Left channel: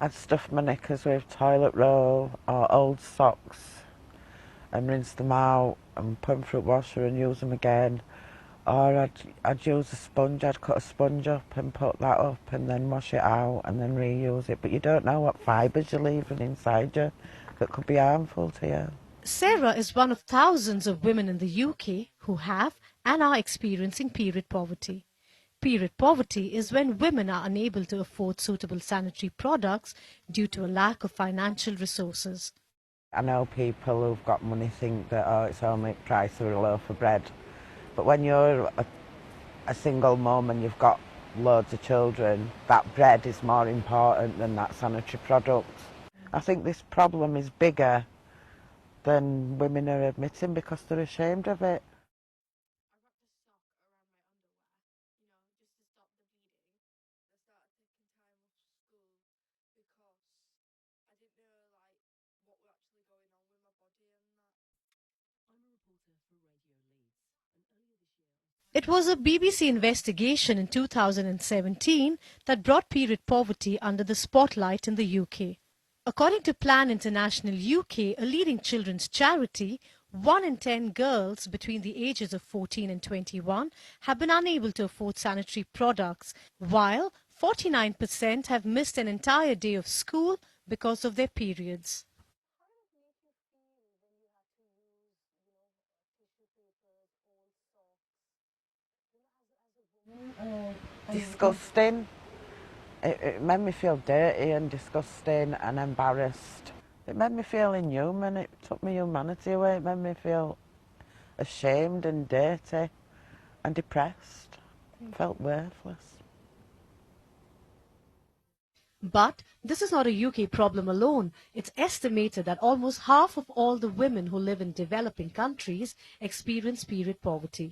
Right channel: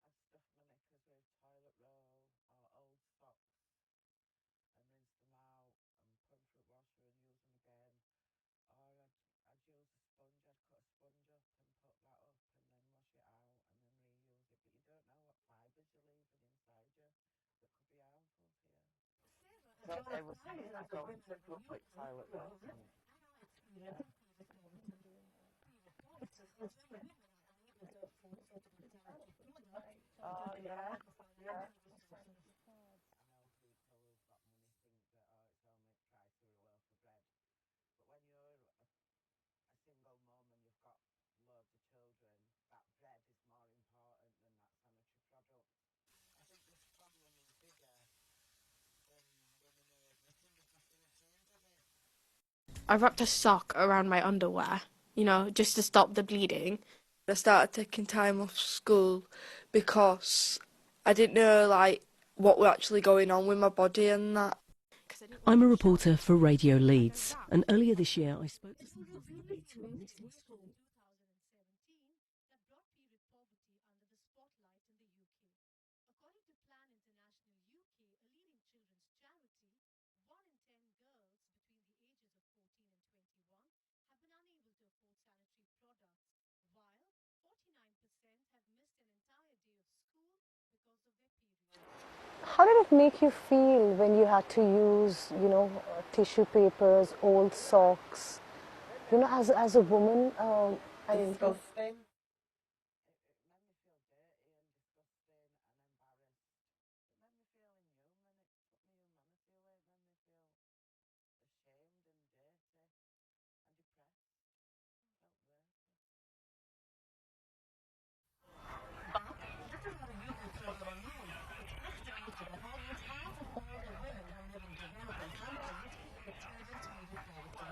I'd stuff my knickers with toilet roll or old socks and rinse them out and put them through the washer and use them again. Or I'd use a sponge, I'd cut a sponge up and put that up and then wash it out and then reuse it. But you don't know what fibres you're leaving inside you that could be harmful to you. Sarah is one of thousands of women in the UK who have and are experiencing period poverty. Period poverty is when women are unable to afford suitable sanitary products due to a lack of financial resources. I know people who've got money think that, oh, it's only the price of a loaf of bread. But when you're a single mum and you've got loads of children, that bread is more important than that sanitary product. I think this problem is bigger than women are admitting because they're ashamed of it. I wrapped a sock around my underwear, just to stop the bleeding. I started taking time off school because I didn't know, what was actually going on with my body and that. I'm a reporter for Radio Leeds, and earlier this year I spoke... It was a BBC investigation in 2017 that brought period poverty under the spotlight in the UK. According to Plan International UK, a leading children's charity, 1 in 10 girls between the ages of 14 and 21 have been unable to afford sanitary products, while 49% have missed an entire day of school because of their periods. How did it make you feel when you had to use, tissue papers, old socks, as a woman? Disgusting. It made me feel dirty and disgusting and embarrassed. It made me feel inhuman. It took my humanity away. It made me feel ashamed and dirty and depressed. Felt worthless. But this is not a UK problem alone. It's estimated that almost half of all the women who live in developing countries experience period poverty.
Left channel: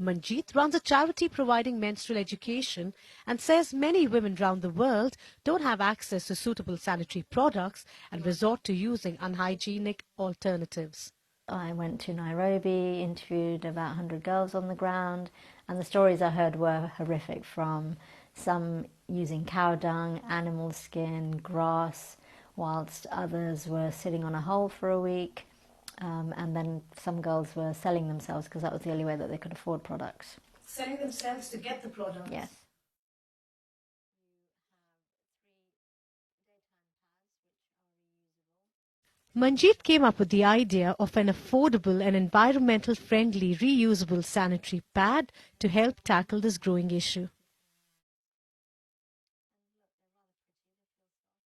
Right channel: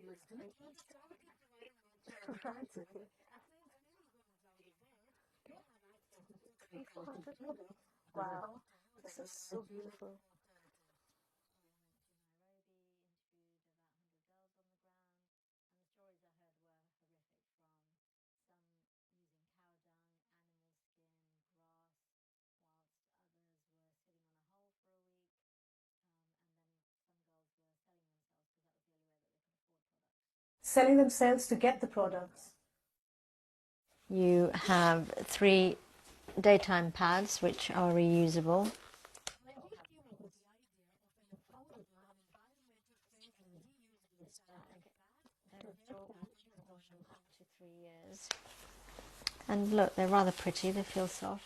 Manjeet runs a charity providing menstrual education and says many women around the world don't have access to suitable sanitary products and resort to using unhygienic alternatives. I went to Nairobi, interviewed about 100 girls on the ground, and the stories I heard were horrific, from some using cow dung, animal skin, grass, whilst others were sitting on a hole for a week. And then some girls were selling themselves because that was the only way that they could afford products. Selling themselves to get the products? Yes. You have 3 daytime pads which are reusable. Manjeet came up with the idea of an affordable and environmental friendly reusable sanitary pad to help tackle this growing issue. And look, they're rather pretty, they feel soft.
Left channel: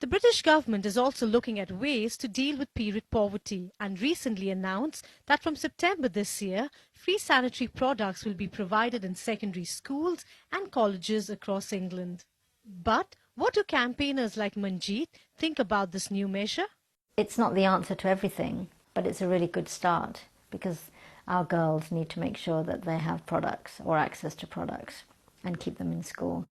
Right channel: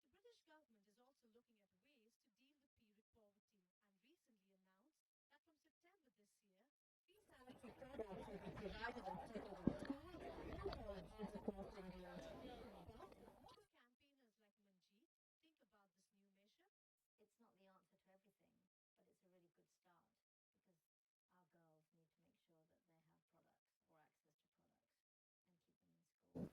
The British government is also looking at ways to deal with period poverty and recently announced that from September this year, free sanitary products will be provided in secondary schools and colleges across England. But what do campaigners like Manjeet think about this new measure? It's not the answer to everything, but it's a really good start because our girls need to make sure that they have products or access to products and keep them in school.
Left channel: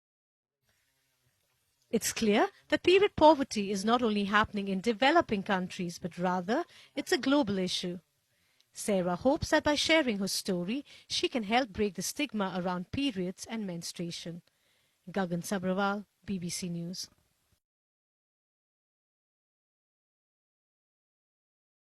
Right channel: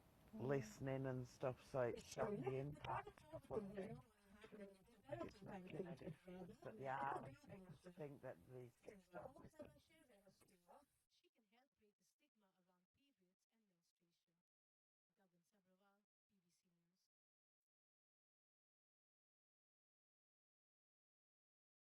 And stuff, so it's clear that period poverty is not only happening in developing countries, but rather it's a global issue. Sarah hopes that by sharing her story, she can help break the stigma around periods and menstruation. Gagan Sabrawal, BBC News.